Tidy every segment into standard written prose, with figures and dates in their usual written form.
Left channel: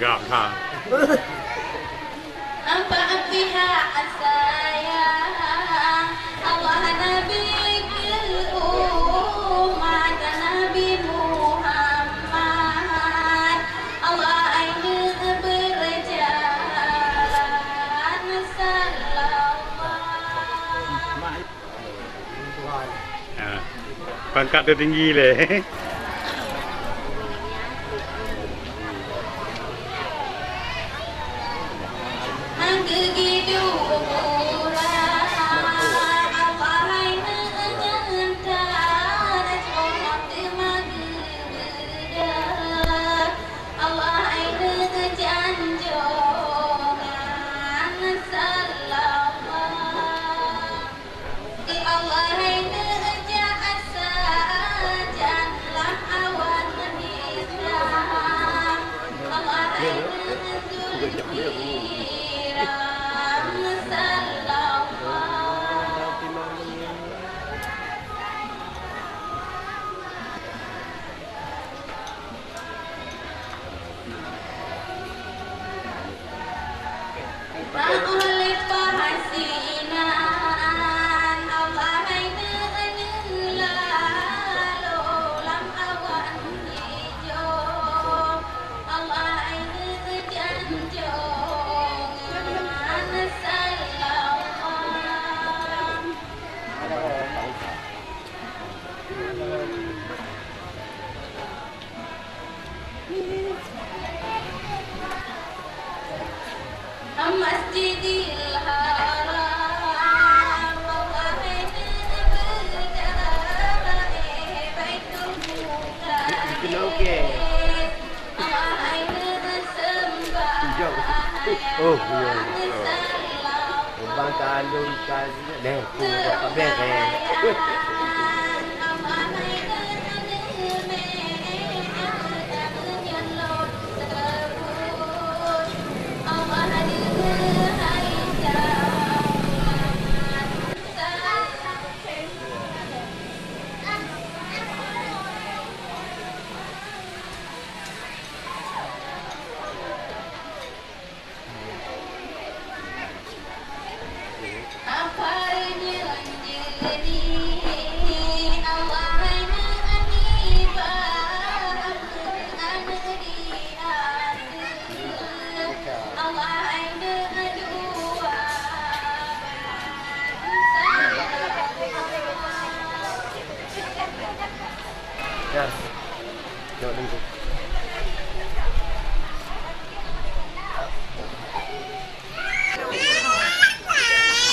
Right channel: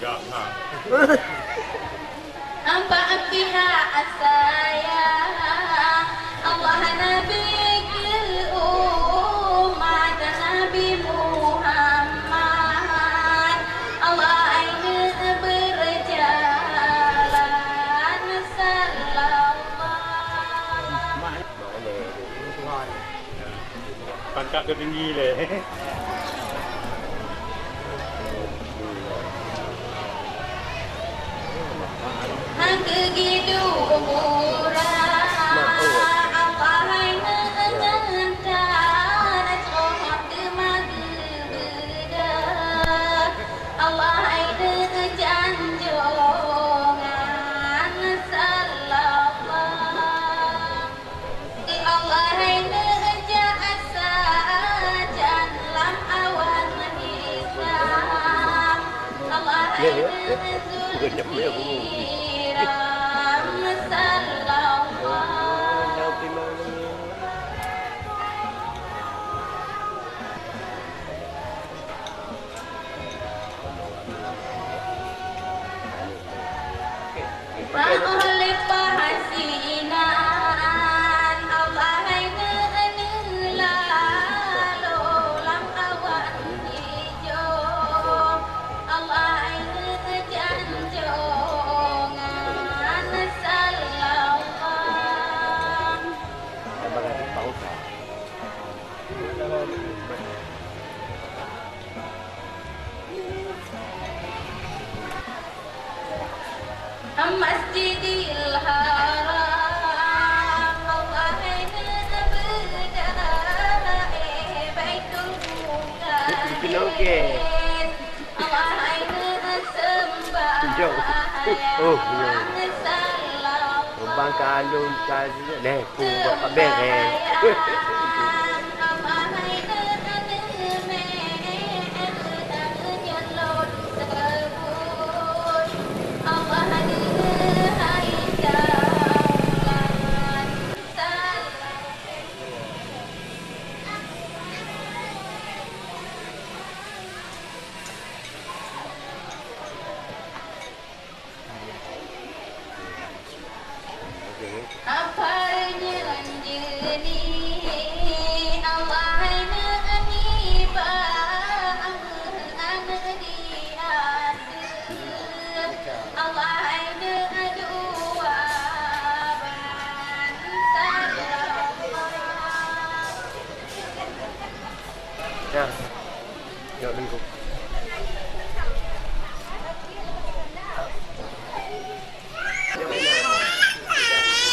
Gampang. Nampak pihak saya Allah Nabi umat Nabi Muhammad Allah ini berjalan selamat. Pangkat tertinggi le. Masjidil Haram Baitul Oh, bang kalung tadi ni, buat kabel ni.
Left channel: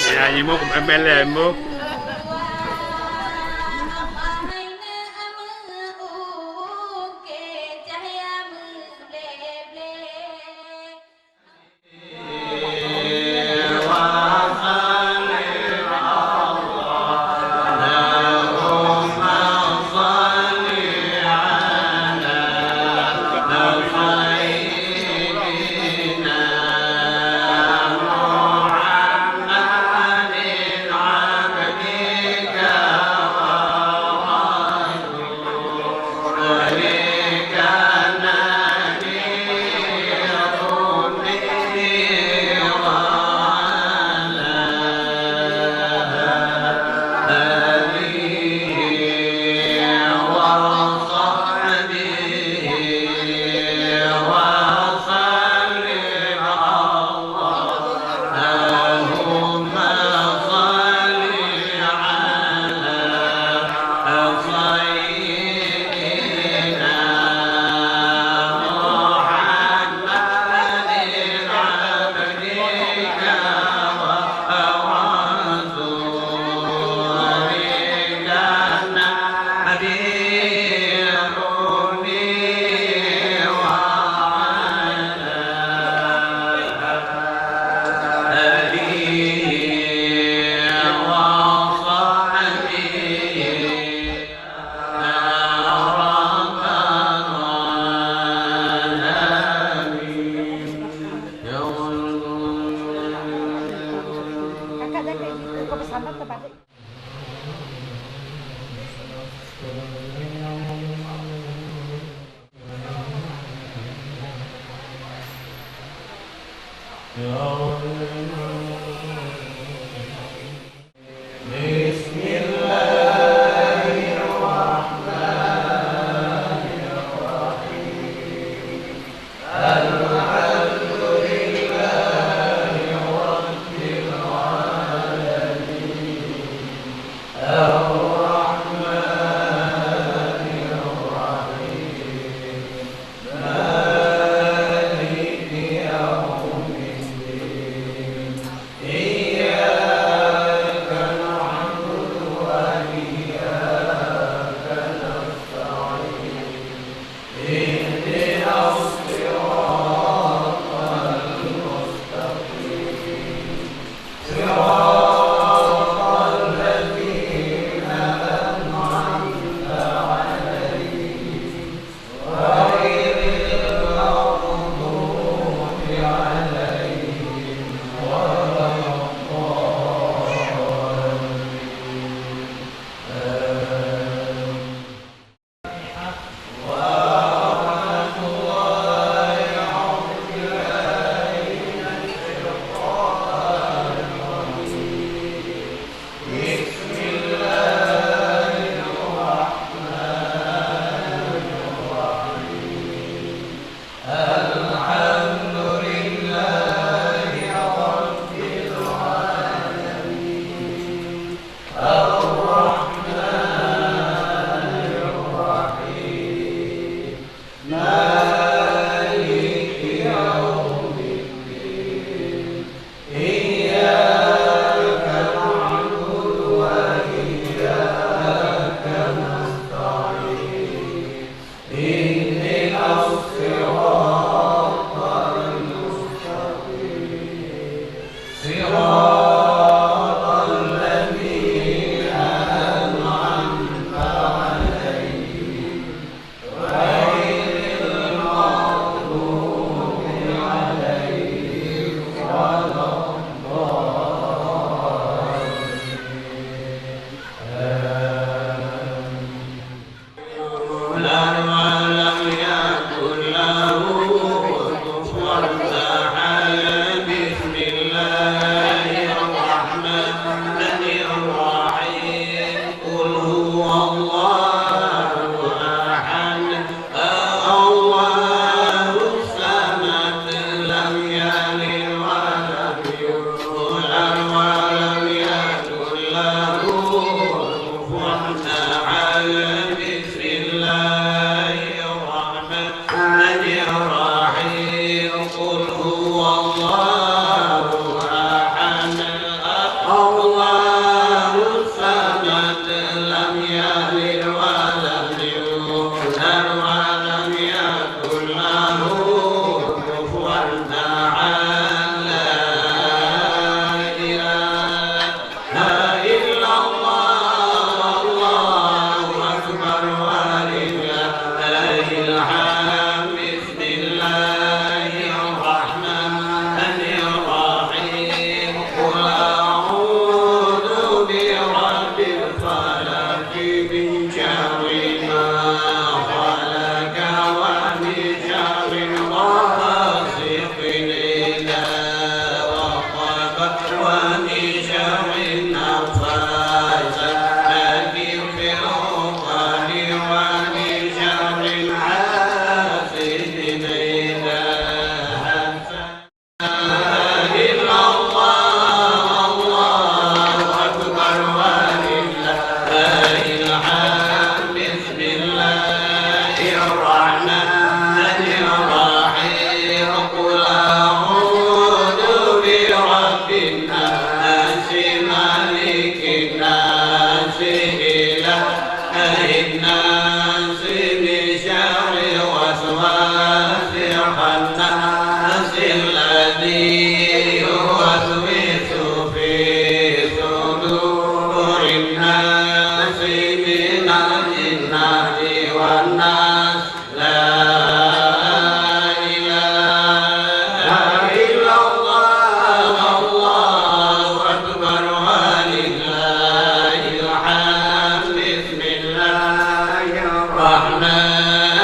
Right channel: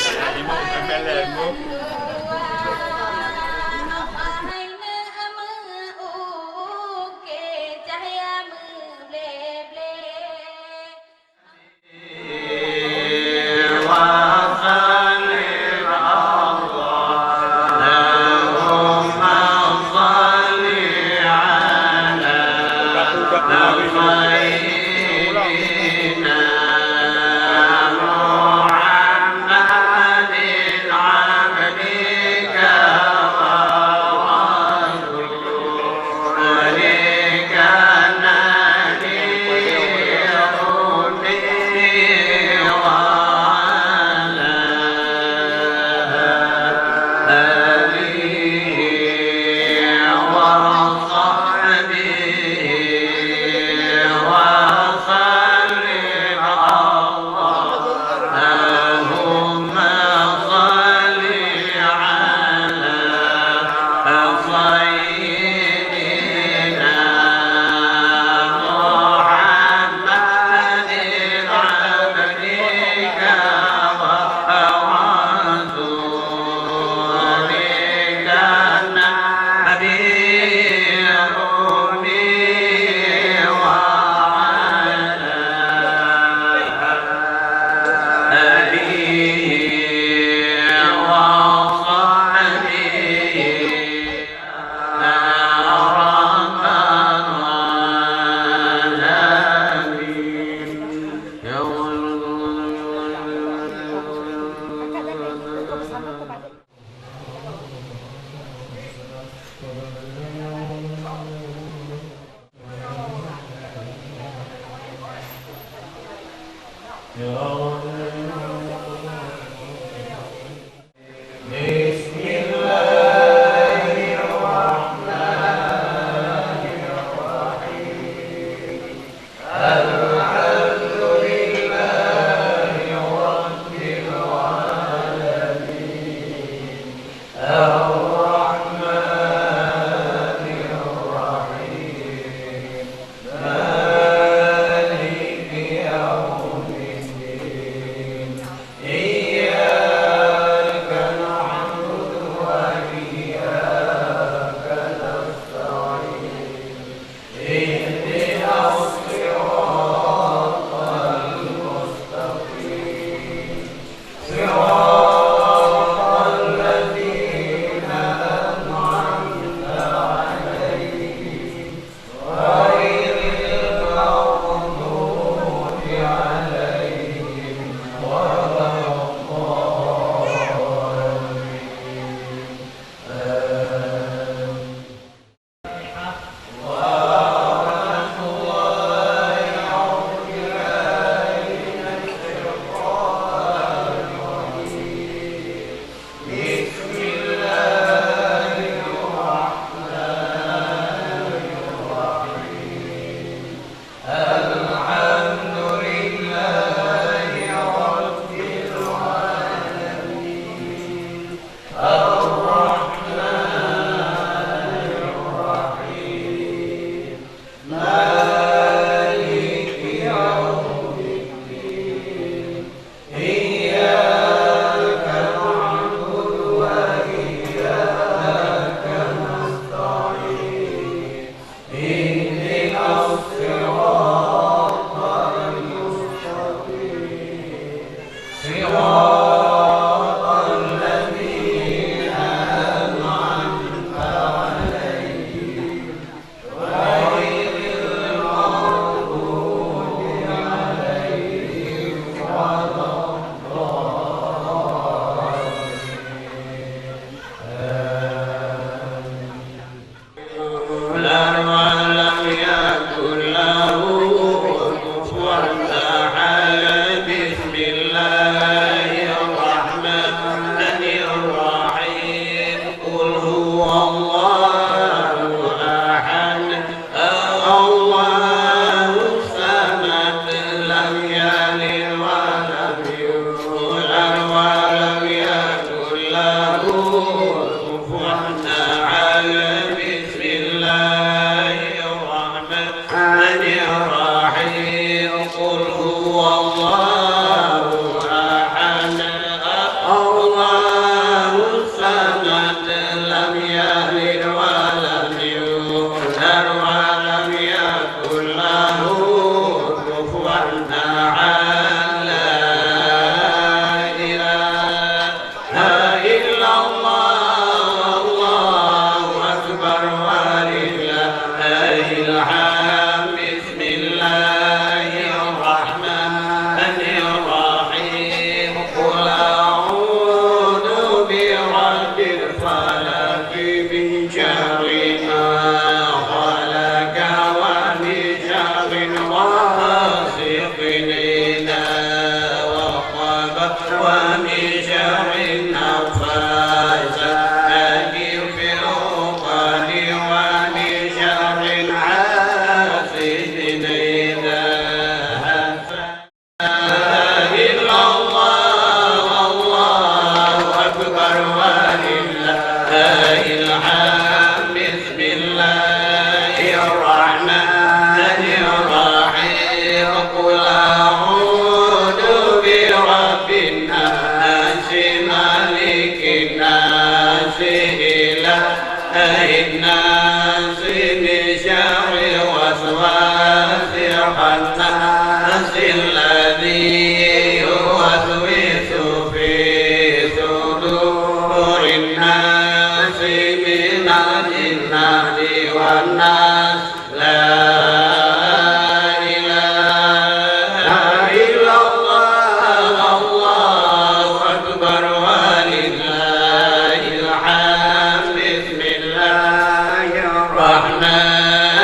Ya, ini mau MLM mu. قل هو الله أحد الله الصمد لم يلد ولم يولد ولم يكن له كفوا أحد بسم الله الرحمن الرحيم قل هو الله أحد الله الصمد لم يلد ولم يولد ولم يكن له كفوا أحد لا إله إلا الله الله أكبر ولله الحمد بسم الله الرحمن الرحيم قل أعوذ برب الفلق من شر ما خلق ومن شر غاسق إذا وقب ومن شر النفاثات في العقد ومن شر حاسد إذا حسد إلا الله الله أكبر ولله الحمد بسم الله الرحمن الرحيم قل أعوذ برب الناس مالك الناس إله الناس من شر الوسواس الخناس الذي يوسوس في صدور الناس من الجنة والناس لا إله إلا الله الله أكبر ولله الحمد بسم الله الرحمن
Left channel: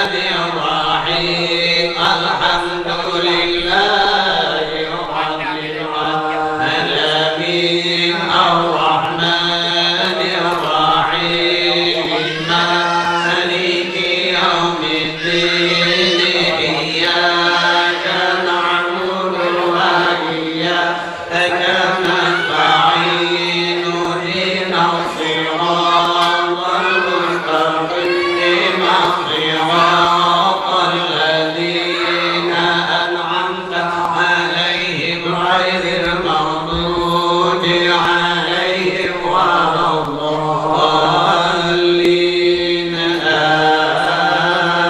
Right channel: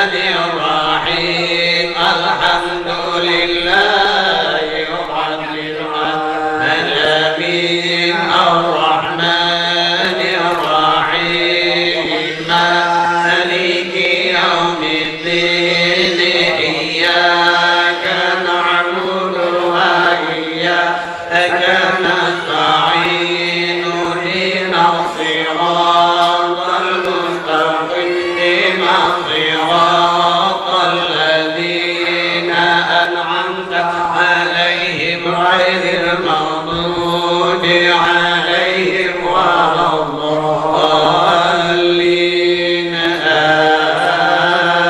الرحيم الحمد لله رب العالمين الرحمن الرحيم مالك يوم الدين إياك نعبد وإياك نستعين اهدنا الصراط المستقيم صراط الذين أنعمت عليهم غير المغضوب عليهم ولا الضالين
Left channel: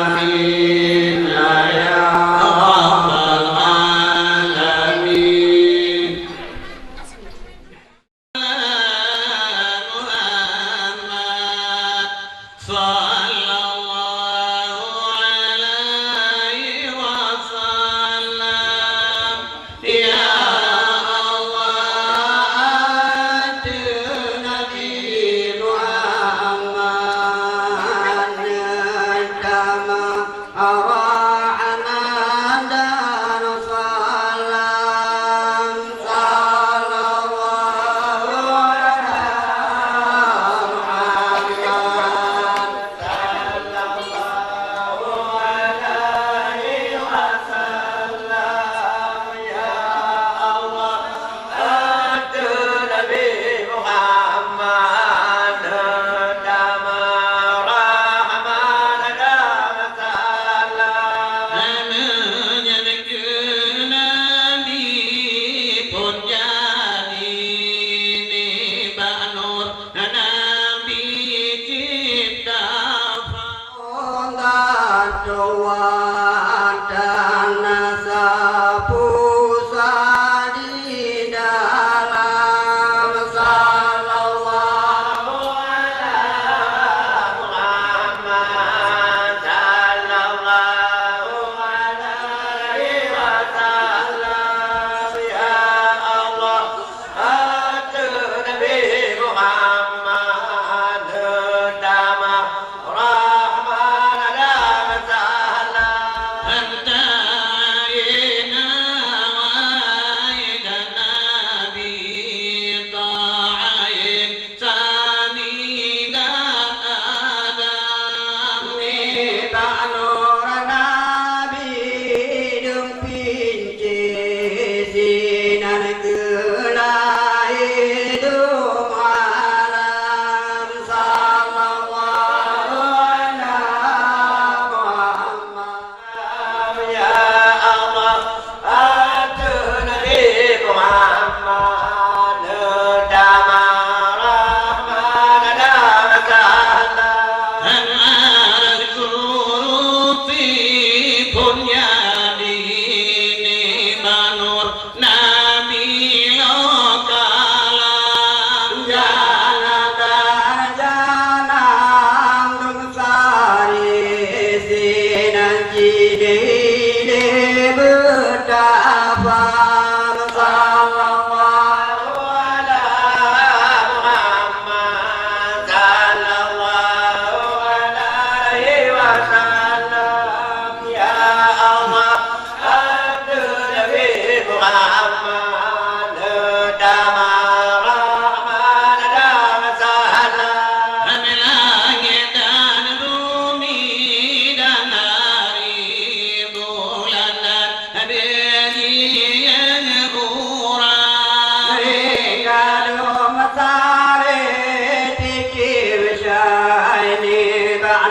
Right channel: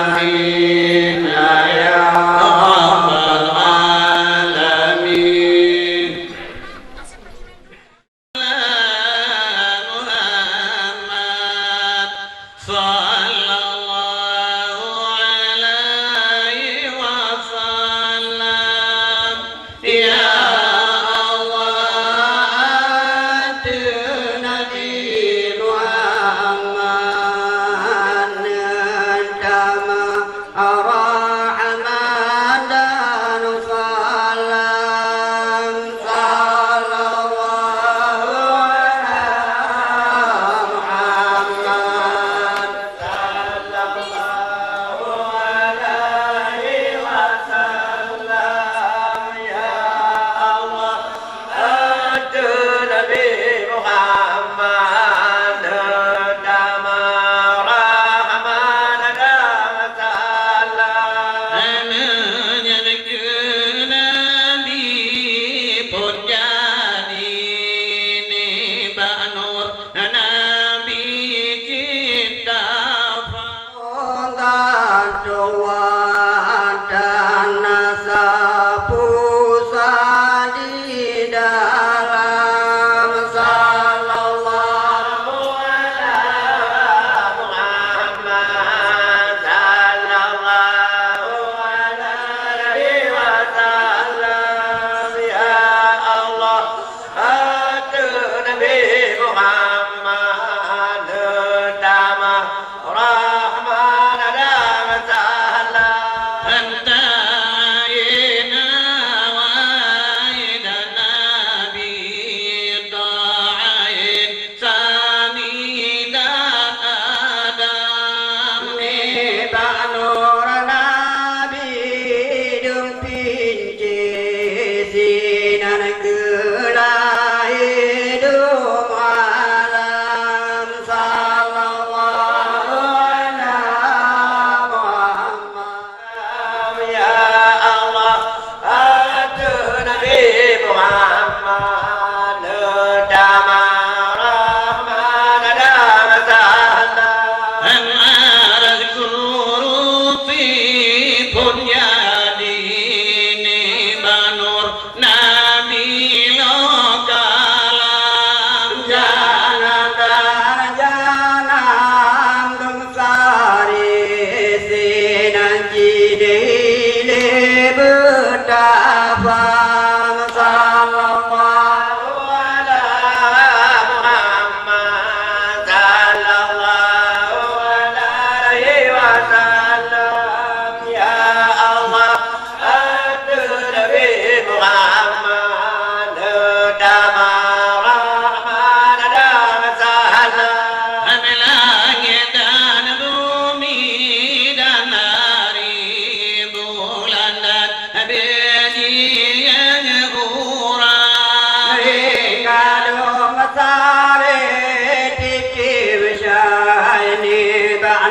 آمين يا رب العالمين محمد صلى الله عليه وسلم يا أواد نبي محمد كما أراحنا دار صلام صلى الله Rahman Nur Nabi Dem Pinci Sinar Kenai Hidup Alam Sallallahu ala Muhammad Ya Allah Atu Nabi Muhammad Dama Rahman Dama Ta'ala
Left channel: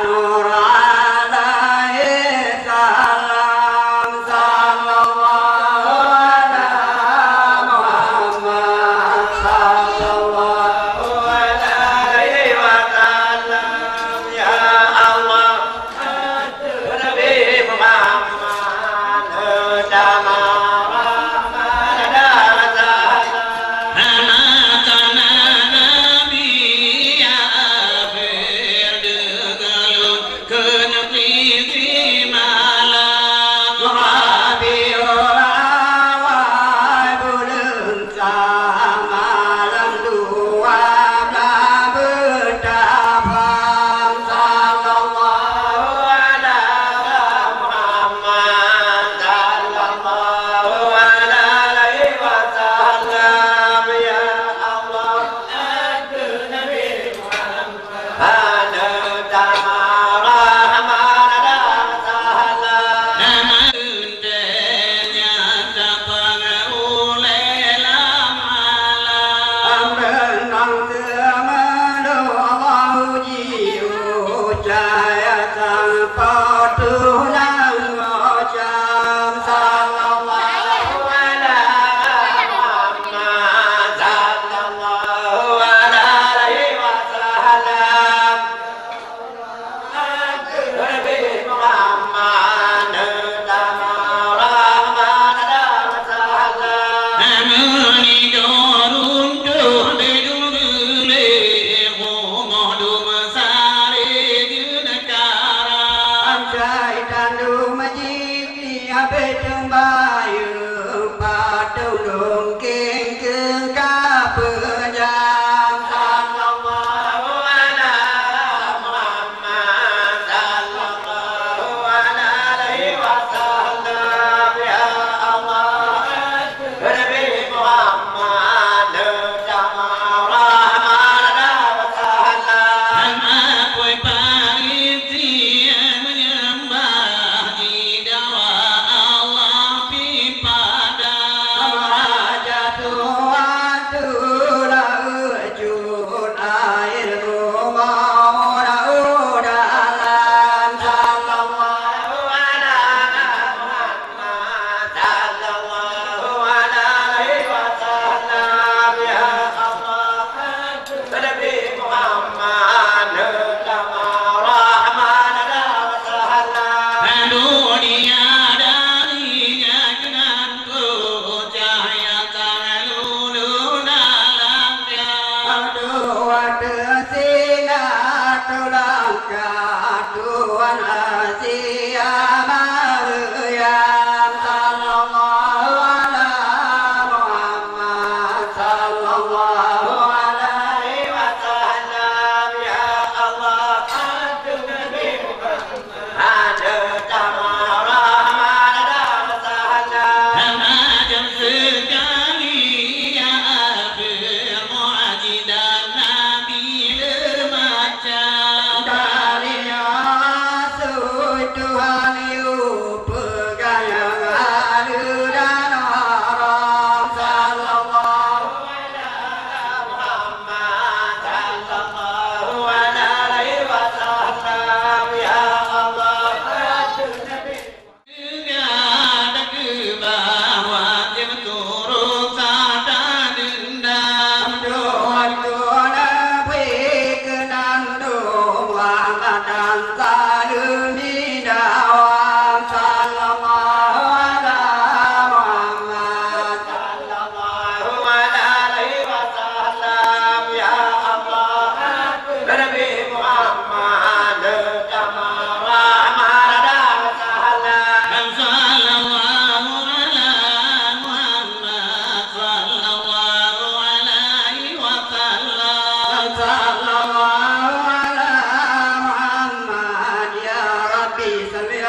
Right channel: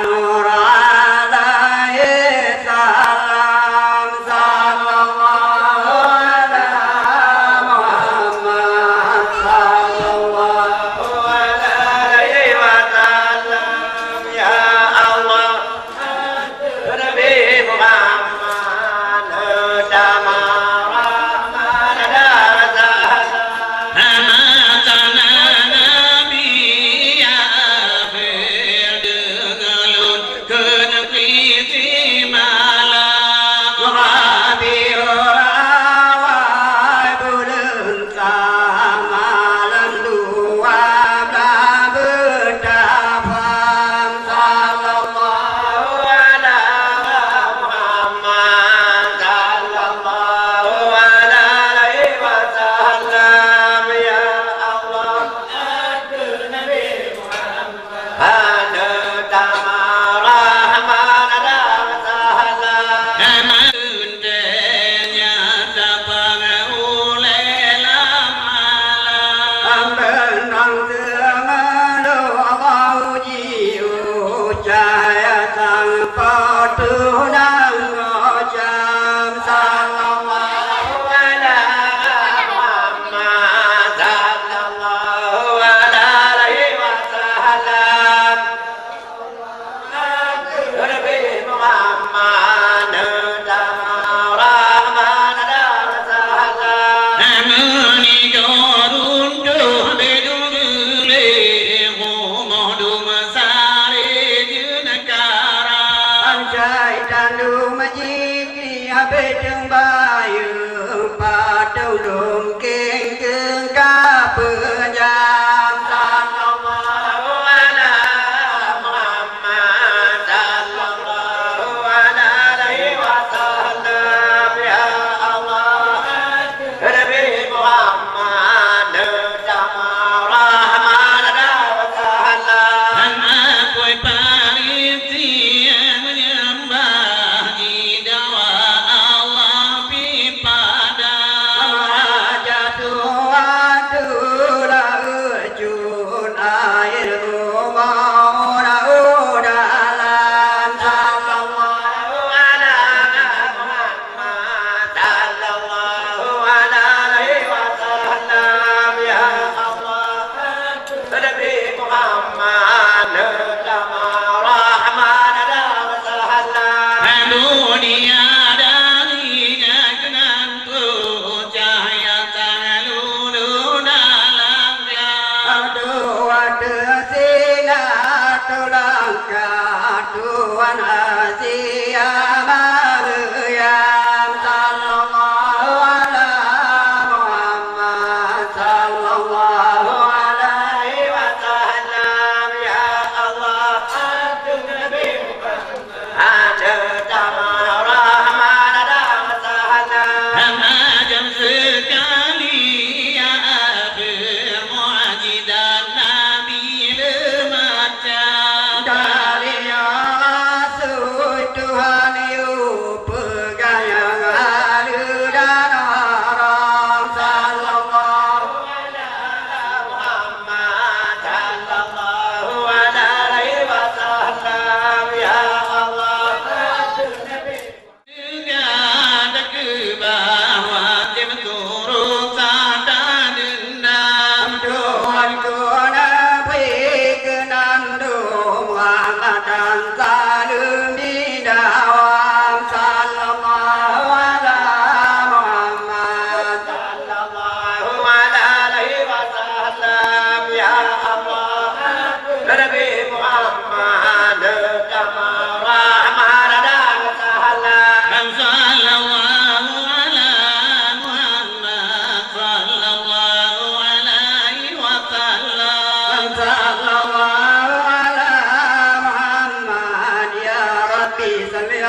Nur alaihi salam sallallahu ala Muhammad sallallahu alaihi wasallam ya Allah Nabi Muhammad dama to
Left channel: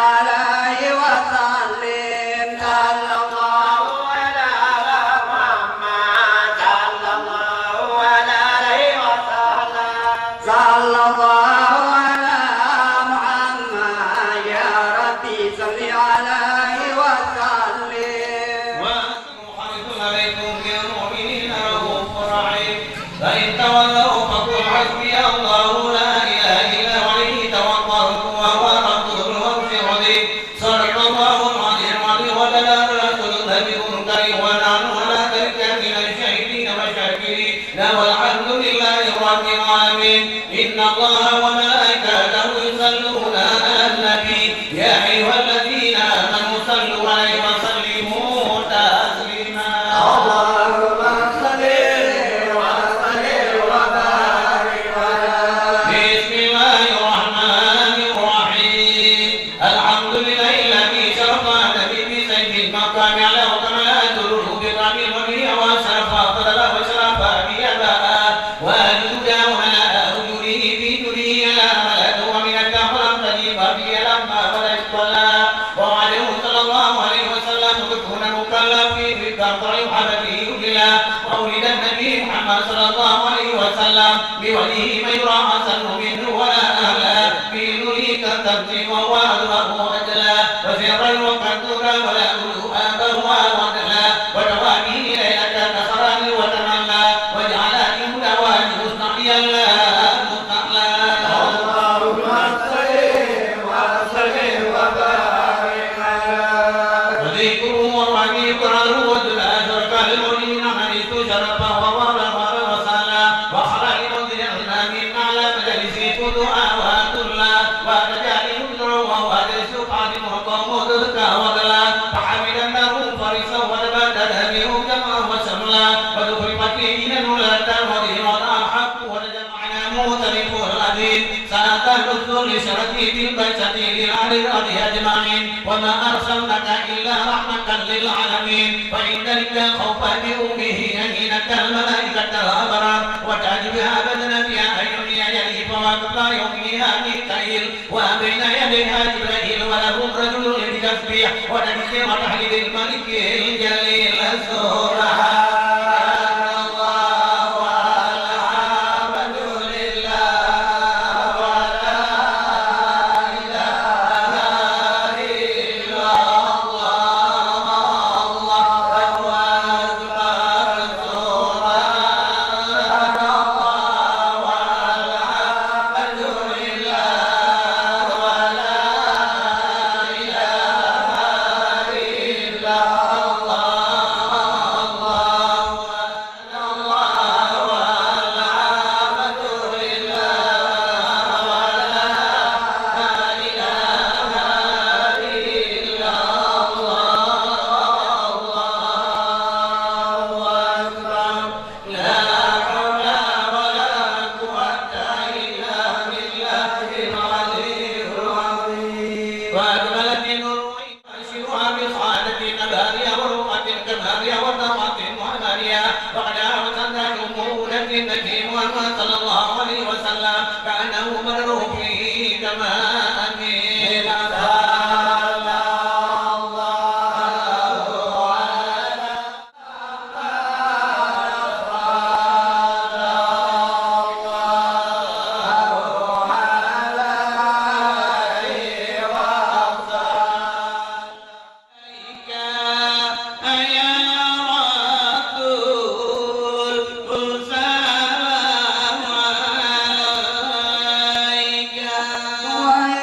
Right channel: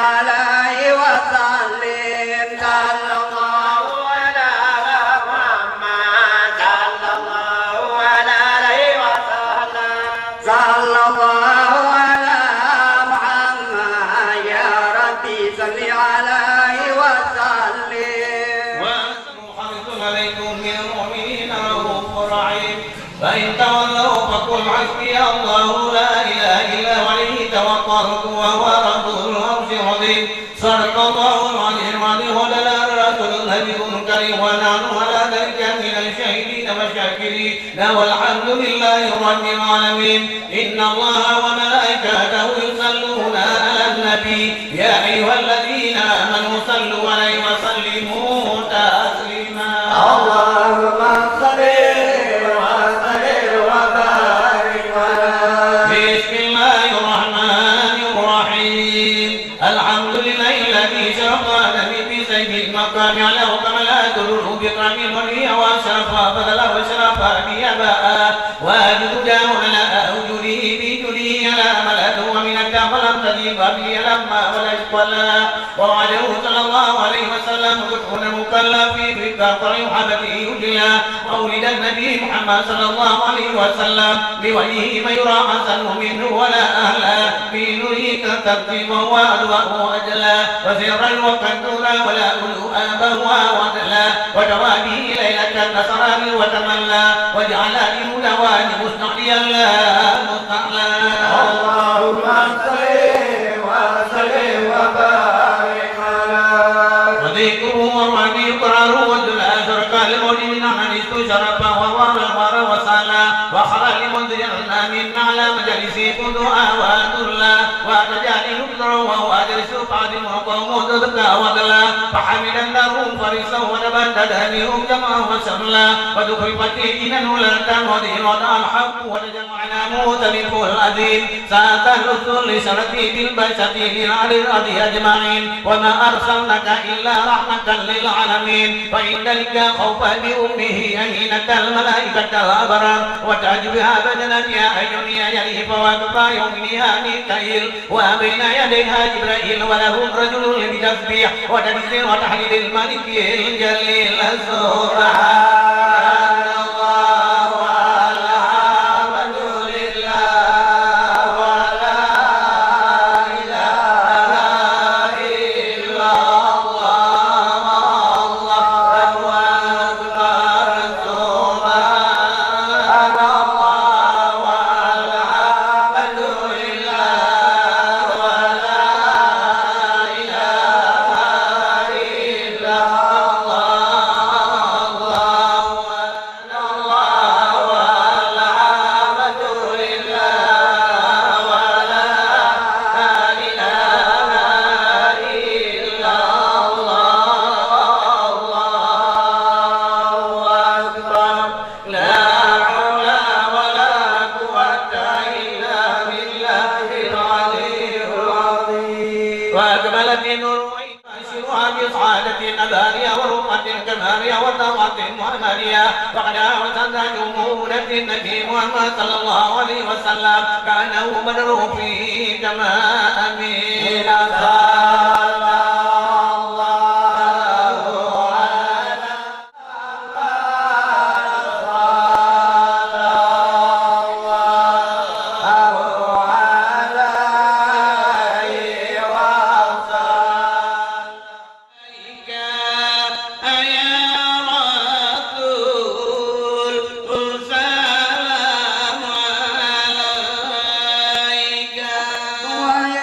عليه وسلم صلى الله على محمد صلى الله عليه وسلم صلى الله على محمد يا ربي صل عليه وسلم عليكم يا مؤمنين رؤوف رحيم فإن تولوا فقل حسبي الله لا إله إلا هو عليه توكلت وهو رب العرش العظيم صدق الله العظيم عليه ولا تذهبكم كريم ونعم ولا ترجع من الشاهدين والشاكرين والحمد لله رب العالمين إن الله وملائكته يصلون على النبي يا أيها الذين آمنوا صلوا عليه وسلموا تسليما اللهم صل وسلم وبارك على بسم الله الرحمن الرحيم الحمد لله الذي شرط النبي بسيف المقام على وكملات الرب من الريح وشرفا فلا وشرفا بيما وأجد ومن أهجره في دنيا ملأ ومن الكفر الذي قبل لما ولد وعليه صلى الله عليه وسلم كن مكلف بالقطع حبله يجلى وولد النبي محمد صلى الله عليه وسلم بوجهه من يرى حسنه منه ولا أهلا في نريك تكذب وأدوأ أجلا وسرا وكنتورا ولا أبوا وأدلا وجوابه ليلة نصرا وتمنى وجعل اليمنوان مستقيا لا مستقلا اللهم صل وسلم وبارك على وذكره الرحيم قراره والآخر كالمؤمنين من استشرف وهو الحر وصلى وخرج منذرنا من على مجلس دعاء وأدرنا وتجاهل ابنه وهو أدرس قادم وقوم تدكى ودلا فحمل النار فرسا ونبتد أنهم جمعه وشملا ودخلت إلى الولاة المضيرة الحق وتجمعنا مختلف الأديب ساعة الرسول شركي بالبشر للعلي الأرض أجمعين وما أرسلناك إلا رحمة للعالمين فإن ذلك خوف بأمه أهينة الملائكة الأبرار وتجبها بدنك يا أيها يليه فوقفا يومها ميكائيل وبين يديها جبرائيل ولهم رجل للتسبيح ونبذر تحديد الملك الجليل سبحان وقد أرسلت جمهورا النبي محمد صلى الله عليه وسلم كأنه بدر فيه كما أمين ويا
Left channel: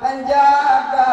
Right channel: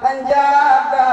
Anjata